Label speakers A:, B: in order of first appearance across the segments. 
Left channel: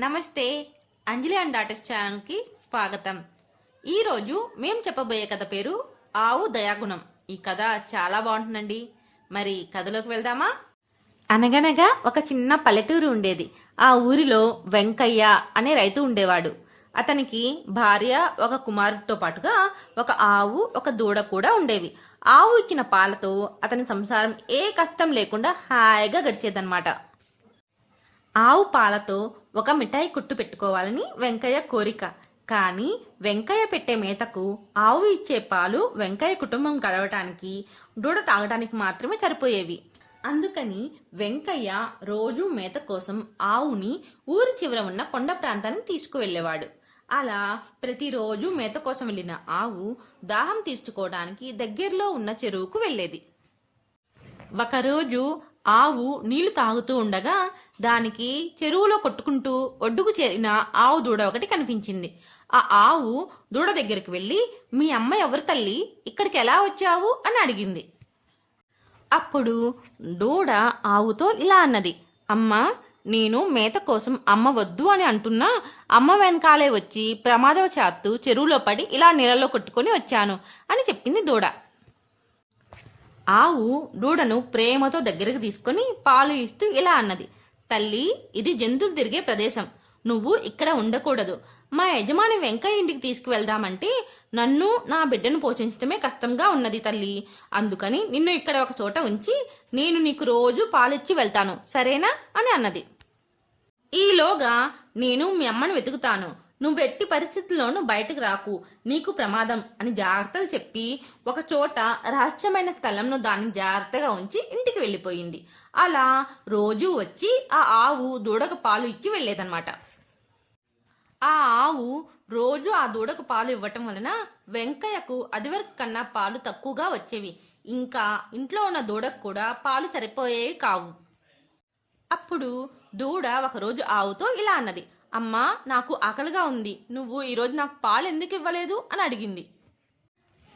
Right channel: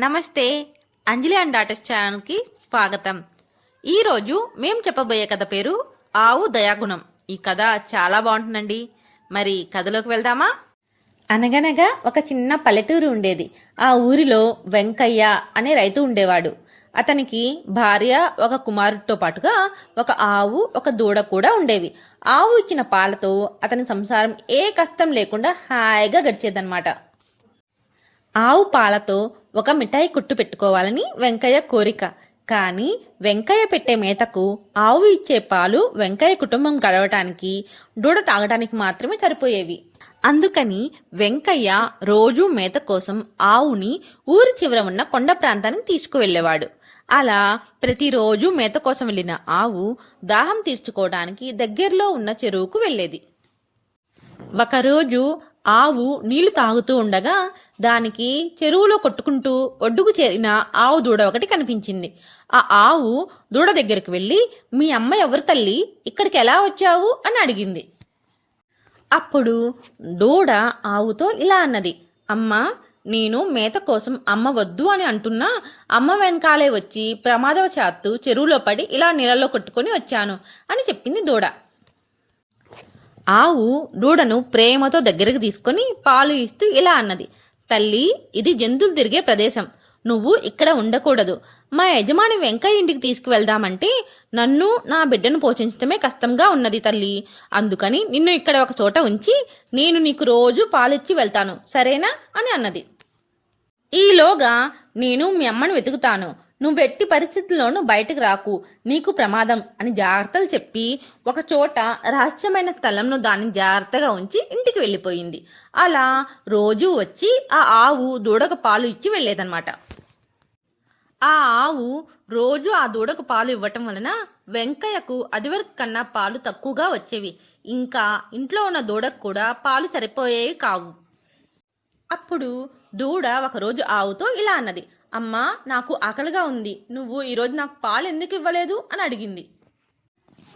A: నమస్తే అంజలి and daughters ఛానల్కి స్వాగతం. ఈరోజు మేము చెప్పబోయే కథ పేరు ఆవు దయాగుణం. ఈ కథ చాలా బాగుంటుందండి. మరి కథలోకి వెళ్దామా? అనగనగా ఒక చిన్న పల్లెటూరు ఉండేది. ఆ ఊరిలో వెంకయ్య అనే రైతు ఉండేవాడు. అతనికి భార్య ఒక కుమారుడితో పాటుగా ఒక ఆవు ఒక దూడ కూడా ఉండేవి. ఆవు ఇచ్చిన పాలతో అతని సంసారం ఏ కష్టం లేకుండా హాయిగా గడిచేదన్నమాట. ఆవు పాలతో ఒక మిఠాయి కుట్టు పెట్టుకోవాలని వెంకయ్య కోరిక. కానీ వెంకయ్య పెట్టే మేతకు ఆవు ఇచ్చే పాలు వెంకయ్య కుటుంబం గడవటానికి దూడ తాగడానికి మాత్రమే సరిపోయేవి. అందుకని వెంకయ్య రోజూ మేత కోసం ఆవుని ఊరి చివర ఉన్న కొండ ప్రాంతానికి తీసుకువెళ్ళేవాడు. అలా ప్రతిరోజు మేత కోసం వెళ్ళిన ఆవు దాహం తీర్చుకోవడానికి దగ్గరలో ఉన్న చెరువుకు వెళ్ళేది. ఒకరోజు ఆవు నీళ్ళు తాగుతూ ఉండగా దానికి చెరువులో కొట్టుకుంటూ ఒడ్డుకు చేరిన ఆవు దూడ ఒకటి కనిపించింది. ఆ ఆవు దూడ దగ్గరికి వెళ్ళి మీ అమ్మ ఎవరు తల్లి? ఇక్కడికి ఎలా వచ్చావు? అని అడిగింది. అప్పుడు దూడ ఆవుతో ఇలా అన్నది అమ్మ నేను మేత కోసం అమ్మ వద్దు అని అంటున్నా. అమ్మ వెనకాలే వచ్చి ప్రమాదవశాత్తు చెరువులో పడి ఇలా నీళ్ళలో కొట్టుకొని వచ్చాను అని చెప్పింది దూడ. ఆవు దూడను ప్రేమతో దగ్గరకు తీసుకొని పాలు ఇస్తూ ఇలా అన్నది. తల్లి ఇది జంతువులు తిరిగే ప్రదేశం. నువ్వు ఇక్కడ ఉండకూడదు. మా యజమాని వెంకయ్య ఇంటికి తీసుకువెళ్దామంటే నన్ను నా బిడ్డను పోషించడమే కష్టంగా ఉన్నది తల్లి. అందుకని నిన్ను ఇక్కడ ఒక చోట ఉంచి నేను నీకు రోజు పాలిచ్చి వెళ్తాను. సరేనా? అని అన్నది. ఈలోగా నేను మీ అమ్మను వెతుకుతాను. నువ్వు ఎట్టి పరిస్థితుల్లోనూ బయటకు రాకు. నీకు ప్రమాదం అని జాగ్రత్తలు చెప్పి ఒక చోట రహస్యమైన స్థలంలో దాన్ని జాగ్రత్తగా ఉంచి ఇంటికి వెళ్ళిపోయింది. అలా రోజూ వచ్చి ఆ ఆవు దూడకు పాలు ఇచ్చి వెళ్ళేదన్నమాట. ఆ ఆవు రోజు ఆ దూడకు పాలు ఇవ్వటం వలన వెంకయ్యకు అదివరకు కన్నా పాలు తక్కువగా వచ్చేవి. ఇంకా ఇంట్లో ఉన్న దూడకు కూడా పాలు సరిపోయేవి కావు. అప్పుడు దూడ ఒకరోజు ఆవుతో ఇలా అన్నది. అమ్మా నాకు ఆకలిగా ఉంది. నువ్వు ఈరోజు నాకు పాలు ఎందుకు ఇవ్వలేదు? అని అడిగింది.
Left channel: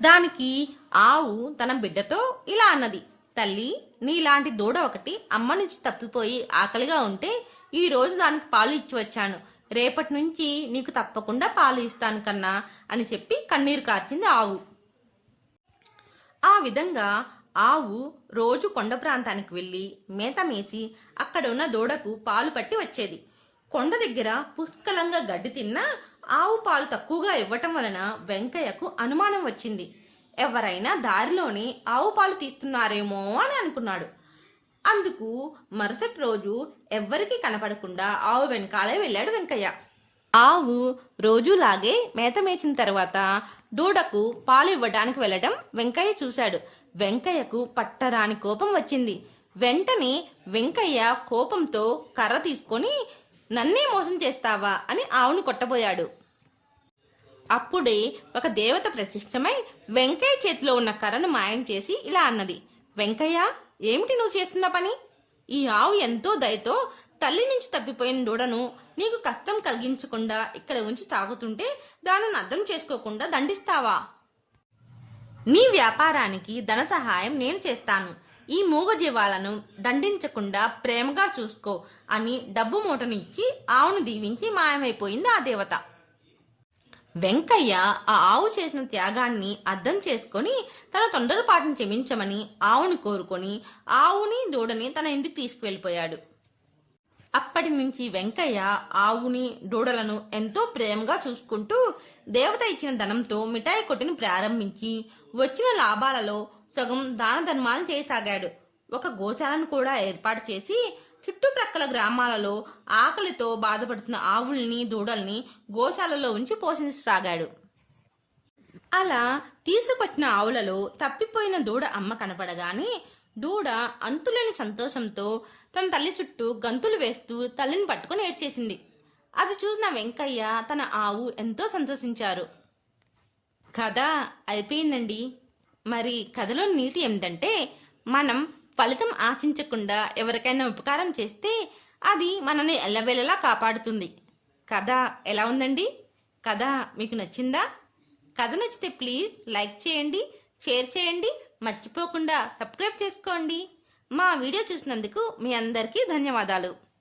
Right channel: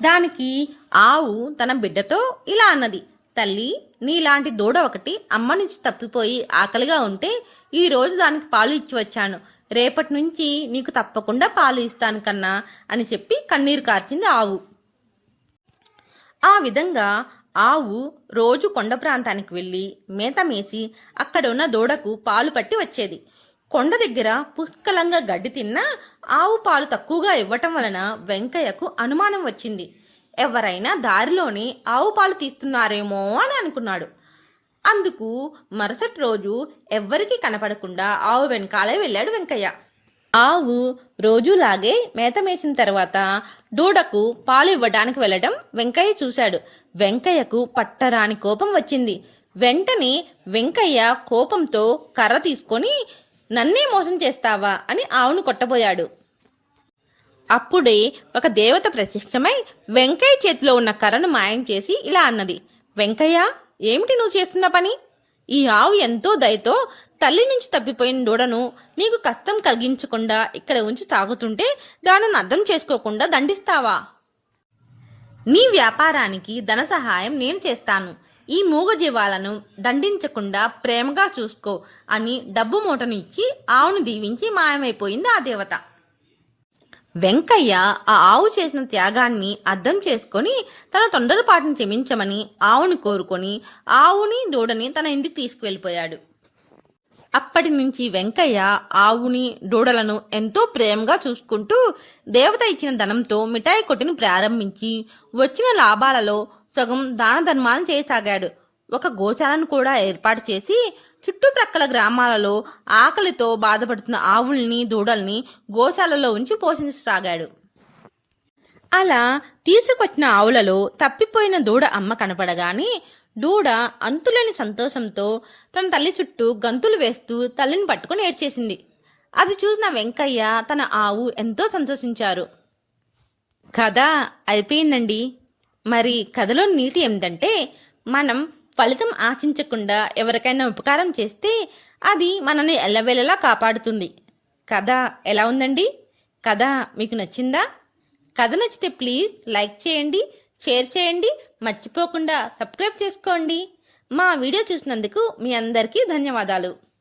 A: దానికి ఆవు తన బిడ్డతో ఇలా అన్నది. తల్లి నీలాంటి దూడ ఒకటి అమ్మ నుంచి తప్పిపోయి ఆకలిగా ఉంటే ఈ రోజు దానికి పాలు ఇచ్చి వచ్చాను. రేపటి నుంచి నీకు తప్పకుండా పాలు ఇస్తాను కన్నా అని చెప్పి కన్నీరు కార్చింది ఆవు. ఆ విధంగా ఆవు రోజు కొండ ప్రాంతానికి వెళ్ళి మేత మేసి అక్కడ ఉన్న దూడకు పాలు పట్టి వచ్చేది. కొండ దగ్గర పుష్కలంగా గడ్డి తిన్నా ఆవు పాలు తక్కువగా ఇవ్వటం వలన వెంకయ్యకు అనుమానం వచ్చింది. ఎవరైనా దారిలోనే ఆవు పాలు తీస్తున్నారేమో అని అనుకున్నాడు. అందుకు మరుసటి రోజు ఎవ్వరికీ కనపడకుండా ఆవు వెనకాలే వెళ్ళాడు వెంకయ్య. ఆవు రోజులాగే మేత మేసిన తర్వాత దూడకు పాలు ఇవ్వడానికి వెళ్ళడం వెంకయ్య చూశాడు. వెంకయ్యకు పట్టరాని కోపం వచ్చింది. వెంటనే వెంకయ్య కోపంతో కర్ర తీసుకొని నన్నే మోసం చేస్తావా అని ఆవును కొట్టబోయాడు. అప్పుడే ఒక దేవత ప్రత్యక్షమై వెంకయ్య చేతిలో ఉన్న కర్రను మాయం చేసి ఇలా అన్నది వెంకయ్య ఏమిటి నువ్వు చేస్తున్న పని? ఈ ఆవు ఎంతో దయతో తల్లి నుంచి తప్పిపోయిన దూడను నీకు కష్టం కలిగించకుండా ఇక్కడ ఉంచి తాగుతుంటే దానిని అర్థం చేసుకోకుండా దండిస్తావా? నీ వ్యాపారానికి ధన సహాయం నేను చేస్తాను. ఈ మూగజీవాలను దండించకుండా ప్రేమగా చూసుకో అని డబ్బు మూటను ఇచ్చి ఆవును దీవించి మాయమైపోయింది ఆ దేవత. వెంకయ్య ఆ ఆవు చేసిన త్యాగాన్ని అర్థం చేసుకొని తన తొందరపాటును క్షమించమని ఆవుని కోరుకొని ఆవుని దూడని తన ఇంటికి తీసుకువెళ్ళిపోయాడు. అప్పటి నుంచి వెంకయ్య ఆవుని దూడలను ఎంతో ప్రేమగా చూసుకుంటూ దేవత ఇచ్చిన ధనంతో మిఠాయి కొట్టును ప్రారంభించి వచ్చిన లాభాలలో సగం దాన ధర్మాలను చేయసాగాడు. ఒక గోశాలను కూడా ఏర్పాటు చేసి చుట్టుప్రక్కల గ్రామాలలో ఆకలితో బాధపడుతున్న ఆవుల్ని దూడల్ని గోశాలలో ఉంచి పోషించసాగాడు. అలా తీసుకొచ్చిన ఆవులలో తప్పిపోయిన దూడ అమ్మ కనపడగానే దూడ అంతులేని సంతోషంతో తన తల్లి చుట్టూ గంతులు వేస్తూ తల్లిని పట్టుకుని ఏడ్చేసింది. అది చూసిన వెంకయ్య తన ఆవు ఎంతో సంతోషించారు. కథ అయిపోయిందండి. మరి కథలో నీటి ఏమిటంటే మనం ఫలితం ఆశించకుండా ఎవరికైనా ఉపకారం చేస్తే అది మనల్ని ఎల్లవేళలా కాపాడుతుంది. కథ ఎలా ఉందండి? కథ మీకు నచ్చిందా? కథ నచ్చితే ప్లీజ్ లైక్ చేయండి షేర్ చేయండి మర్చిపోకుండా సబ్స్క్రైబ్ చేసుకోండి. మా వీడియో చూసినందుకు మీ అందరికీ ధన్యవాదాలు.